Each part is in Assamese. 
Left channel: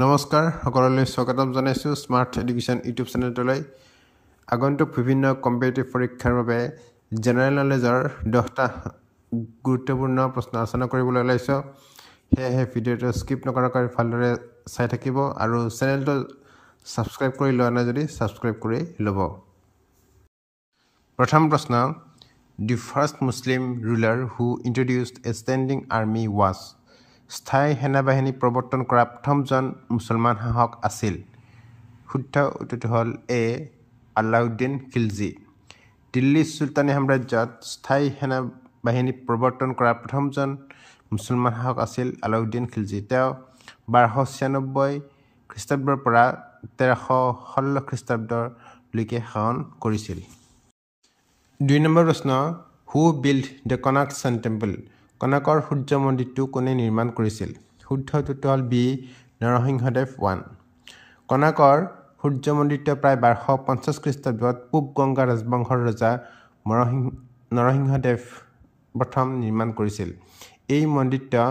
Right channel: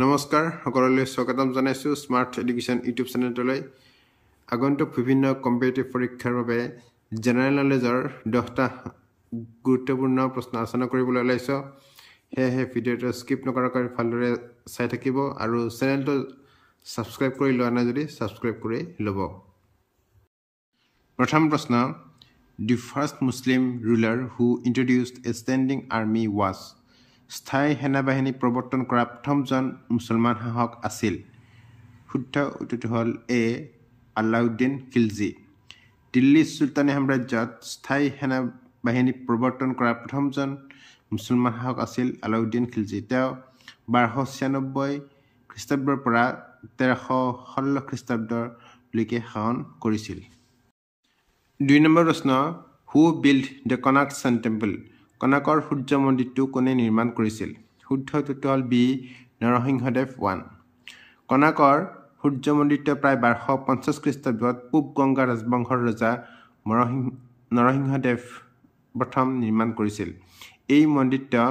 নমস্কাৰ সকলোলৈ স্বাগতম জনাইছোঁ স্মাৰ্ট এডুকেশ্যন ইউটিউব চেনেলটোলৈ। আগন্তুক বিভিন্ন কম্পিটিটিভ পৰীক্ষাৰ বাবে জেনেৰেল নলেজৰ 10টা গুৰুত্বপূৰ্ণ প্ৰশ্ন আলোচনা কৰিবলৈ ওলাইছোঁ। সেয়েহে ভিডিঅ'টো স্কিপ নকৰাকৈ ভালদৰে চাই থাকিব আৰু চেনেলটো ছাবস্ক্ৰাইব কৰি লোৱা নাই যদি ছাবস্ক্ৰাইব কৰি ল'ব। প্ৰথম প্ৰশ্ন, the first Muslim ruler who introduced a standing army was. স্থায়ী সেনাবাহিনী প্ৰৱৰ্তন কৰা প্ৰথমজন মুছলমান শাসক আছিল। শুদ্ধ উত্তৰটো হ'ল এ আলাউদ্দিন খিলজী। দিল্লী চুলতানী সাম্ৰাজ্যত স্থায়ী সেনাবাহিনী প্ৰৱৰ্তন কৰা প্ৰথমজন মুছলমান শাসক আছিল আলাউদ্দিন খিলজী। তেওঁ 1296 খ্ৰীষ্টাব্দৰ পৰা 1316 খ্ৰীষ্টাব্দলৈকে শাসন কৰিছিল। 2 নম্বৰ প্ৰশ্ন, who built the Konark sun temple. কনাৰ্কৰ সূৰ্য মন্দিৰটো কোনে নিৰ্মাণ কৰিছিল? শুদ্ধ উত্তৰটো হ'ল বি নৰসিংহদেৱ 1। কনাৰ্কৰ সূৰ্য মন্দিৰটো প্ৰায় 1250 খ্ৰীষ্টাব্দত পূব গংগা ৰাজবংশৰ ৰজা নৰসিংহদেৱ প্ৰথম নিৰ্মাণ কৰিছিল। এই মন্দিৰটো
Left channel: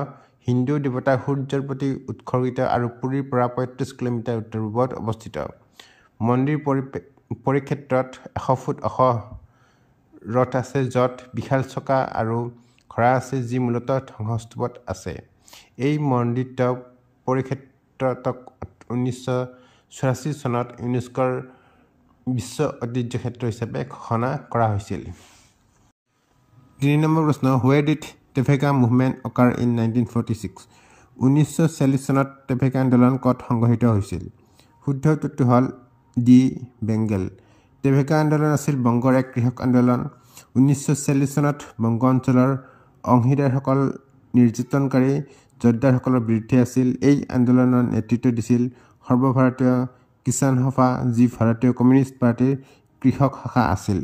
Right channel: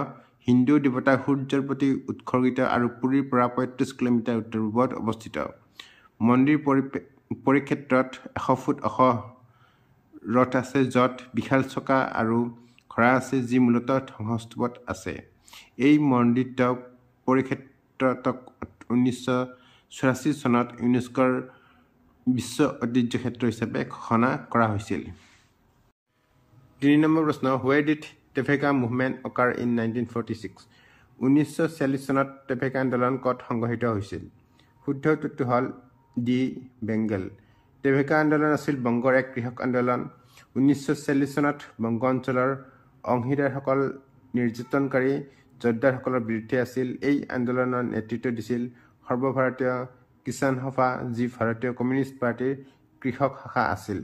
হিন্দু দেৱতা সূৰ্যৰ প্ৰতি উৎসৰ্গিত আৰু পুৰীৰ পৰা 35 কিলোমিটাৰ উত্তৰ পূবত অৱস্থিত। মন্দিৰ পৰিক্ষেত্ৰত 100 ফুট ওখ ৰথ আছে, য'ত বিশাল চকা আৰু ঘোঁৰা আছে, যি মূলতঃ ধ্বংসস্তূপত আছে। এই মন্দিৰটো পৰিক্ষেত্ৰক 1984 চনত ইউনেস্কোৰ বিশ্ব ঐতিহ্য ক্ষেত্ৰ হিচাপে ঘোষণা কৰা হৈছিল। 3 নম্বৰ প্ৰশ্ন, হুৱেৰ ডিড ট্ৰেভেলগাৰ মুভমেণ্ট অকাৰ ইন 1946। 1940 চনত ট্ৰেভেলগাৰ আন্দোলন ক'ত সংঘটিত হৈছিল? শুদ্ধ উত্তৰটো হ'ল ডি বেংগল। ট্ৰেভেলগাৰ আন্দোলন আছিল বংগৰ এক কৃষক আন্দোলন। 1940 চনত বংগ অঞ্চলৰ অংশীদাৰসকল নিৰ্যাতনকাৰী যোদ্ধাসকলৰ বিৰুদ্ধে আছিল। এই আন্দোলনৰ নেতৃত্ব দিছিল সৰ্বভাৰতীয় কিষাণ সভা, যি ভাৰতীয় কমিউনিষ্ট পাৰ্টিৰ কৃষক শাখা আছিল।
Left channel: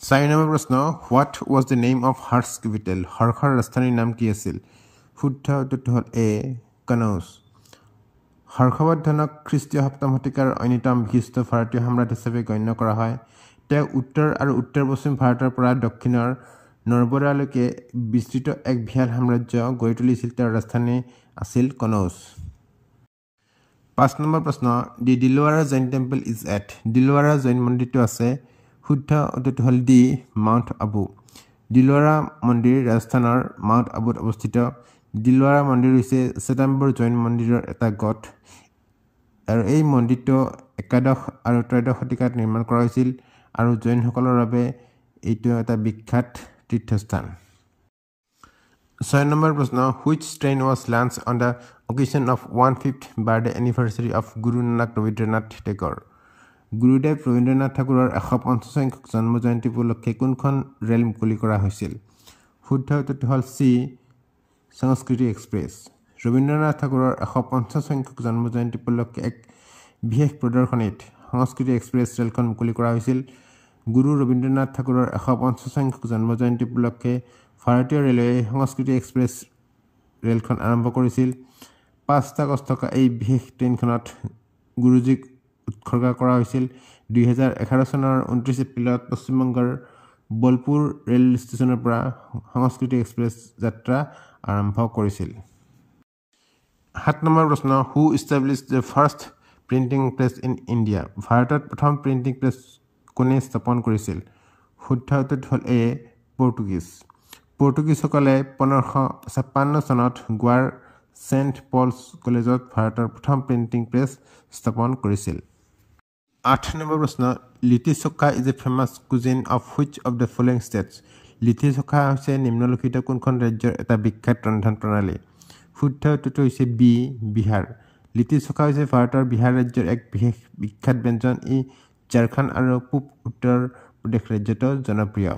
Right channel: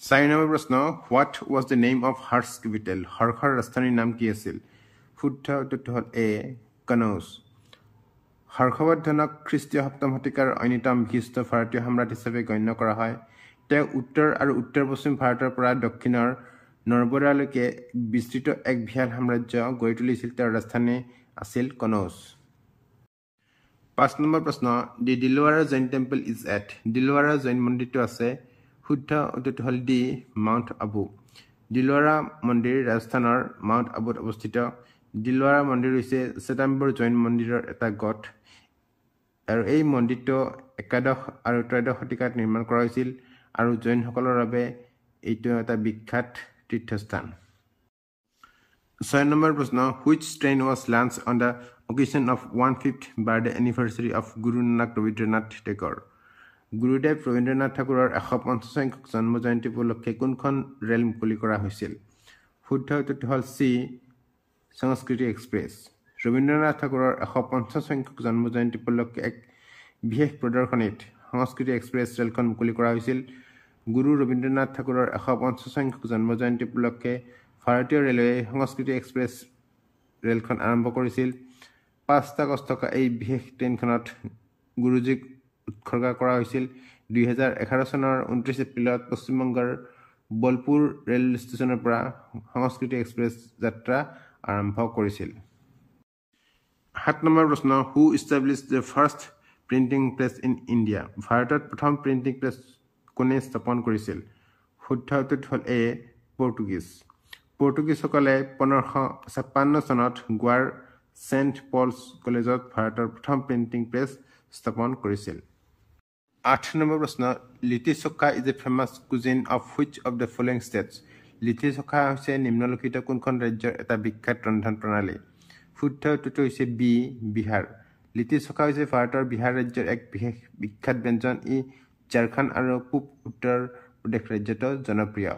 4 নম্বৰ প্ৰশ্ন, what was the name of Harsha capital. হৰ্ষৰ ৰাজধানীৰ নাম কি আছিল? শুদ্ধ উত্তৰটো হ'ল এ কনৌজ। হৰ্ষবৰ্ধনক খ্ৰীষ্টীয় 7ম শতিকাৰ অন্যতম বিশিষ্ট ভাৰতীয় সম্ৰাট হিচাপে গণ্য কৰা হয়। তেওঁ উত্তৰ আৰু উত্তৰ পশ্চিম ভাৰতৰ পৰা দক্ষিণৰ নৰ্বৰালৈকে বিস্তৃত এক বিশাল সাম্ৰাজ্য গঢ়ি তুলিছিল। তেওঁৰ ৰাজধানী আছিল কনৌজ। 5 নম্বৰ প্ৰশ্ন, দি Dilwara Jain temple is at. Dilwara Jain মন্দিৰটো আছে। শুদ্ধ উত্তৰটো হ'ল ডি মাউণ্ট আবু। দিলৱাৰা মন্দিৰ ৰাজস্থানৰ মাউণ্ট আবুত অৱস্থিত। দিলৱাৰা মন্দিৰ হৈছে শ্বেতাম্বৰ জৈন মন্দিৰৰ এটা গট আৰু এই মন্দিৰটো একাদশ আৰু ত্ৰয়োদশ শতিকাত নিৰ্মাণ কৰা হৈছিল আৰু জৈনসকলৰ বাবে এইটো এটা বিখ্যাত তীৰ্থস্থান। 6 নম্বৰ প্ৰশ্ন, which train was launch on the occasion of 150th birthday anniversary of Guru Nanak Rabindranath টেগৰ। গুৰুদেৱ ৰবীন্দ্ৰনাথ ঠাকুৰৰ 150 সংখ্যক জন্ম জয়ন্তী উপলক্ষে কোনখন ৰেল মুকলি কৰা হৈছিল? শুদ্ধ উত্তৰটো হ'ল চি সংস্কৃতি এক্সপ্ৰেছ। ৰবীন্দ্ৰনাথ ঠাকুৰৰ 150 সংখ্যক জন্ম জয়ন্তী উপলক্ষে এক বিশেষ প্ৰদৰ্শনীত সংস্কৃতি এক্সপ্ৰেছ ৰেলখন মুকলি কৰা হৈছিল। গুৰু ৰবীন্দ্ৰনাথ ঠাকুৰৰ 150 সংখ্যক জন্ম জয়ন্তী উপলক্ষে ভাৰতীয় ৰেলৱে সংস্কৃতি এক্সপ্ৰেছ ৰেলখন আৰম্ভ কৰিছিল। 5 আগষ্ট থকা এই বিশেষ ট্ৰেইনখনত গুৰুজীক উৎসৰ্গা কৰা হৈছিল। 2011 চনৰ 29 এপ্ৰিলত পশ্চিমবংগৰ বোলপুৰ ৰেল ষ্টেচনৰ পৰা সংস্কৃতি এক্সপ্ৰেছ যাত্ৰা আৰম্ভ কৰিছিল। 7 নম্বৰ প্ৰশ্ন, who established the first printing press in India. ভাৰতত প্ৰথম প্ৰিণ্টিং প্ৰেছ কোনে স্থাপন কৰিছিল? শুদ্ধ উত্তৰটো হ'ল এ পৰ্তুগীজ। পৰ্তুগীজসকলে 1556 চনত গোৱাৰ ছেণ্ট পলছ কলেজত ভাৰতৰ প্ৰথম প্ৰিণ্টিং প্ৰেছ স্থাপন কৰিছিল। 8 নম্বৰ প্ৰশ্ন, লিটি চোখা is a famous cuisine of which of the following states. Litti চোখা হৈছে নিম্নলিখিত কোনখন ৰাজ্যৰ এটা বিখ্যাত ৰন্ধন প্ৰণালী? শুদ্ধ উত্তৰটো হৈছে বি বিহাৰ। লিটি চোখা হৈছে ভাৰতৰ বিহাৰ ৰাজ্যৰ এক বিখ্যাত ব্যঞ্জন। ই ঝাৰখণ্ড আৰু পূব উত্তৰ প্ৰদেশ ৰাজ্যতো জনপ্ৰিয়।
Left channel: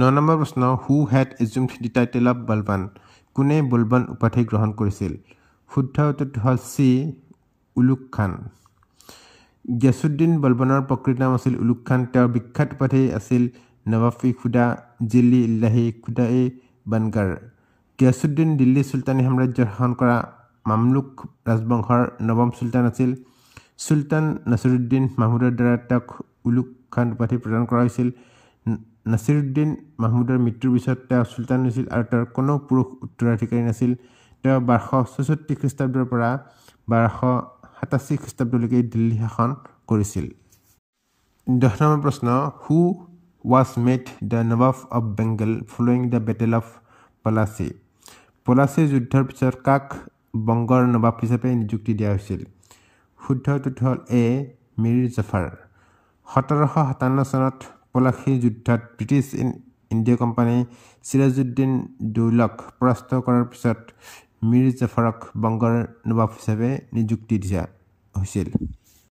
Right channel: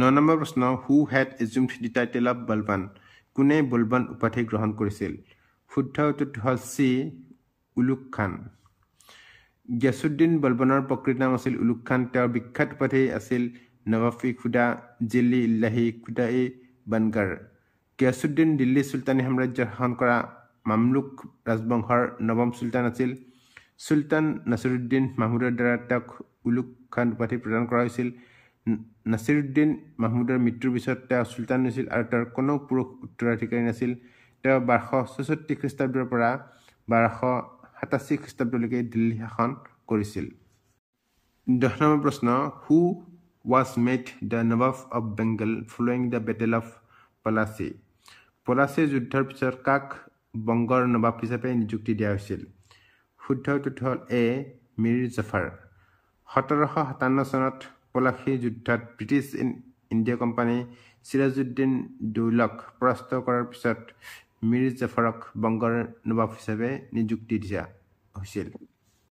9 নম্বৰ প্ৰশ্ন, who had assumed the title of Balban. কোনে বলবান উপাধি গ্ৰহণ কৰিছিল? শুদ্ধ উত্তৰটো হ'ল চি উলুগ খান। গিয়াছুদ্দিন বলবানৰ প্ৰকৃত নাম আছিল উলুগ খান। তেওঁৰ বিখ্যাত উপাধি আছিল নৱাব-ই খুদা জিল্লি ইল্লাহি খুদা-ই বানগাৰ। গিয়াছুদ্দিন দিল্লী চুলতানী সাম্ৰাজ্যৰ শাসন কৰা মামলুক ৰাজবংশৰ নৱম চুলতান আছিল। চুলতান নাছিৰুদ্দিন মাহমুদৰ দ্বাৰা তেওঁক উলুগ খান উপাধি প্ৰদান কৰা হৈছিল। নাছিৰুদ্দিন মাহমুদৰ মৃত্যুৰ পিছত তেওঁ চুলতান হৈছিল আৰু তেওঁৰ কোনো পুৰুষ উত্তৰাধিকাৰী নাছিল। তেওঁ 1264 খ্ৰীষ্টাব্দৰ পৰা 1287 খ্ৰীষ্টাব্দলৈকে দিল্লী শাসন কৰিছিল। 10 নম্বৰ প্ৰশ্ন, হু was made the Nawab of Bengal following the Battle of Plassey? Plassey যুদ্ধৰ পিছত কাক বংগৰ নবাব হিচাপে নিযুক্তি দিয়া হৈছিল? শুদ্ধ উত্তৰটো হ'ল এ মীৰ জাফৰ। 1757 চনত পলাচী যুদ্ধত ব্ৰিটিছ ইণ্ডিয়া কোম্পানী চিৰাজউদ্দিন দৌলক পৰাস্ত কৰাৰ পিছত মীৰ জাফৰক বংগৰ নবাব হিচাপে নিযুক্তি দিয়া হৈছিল।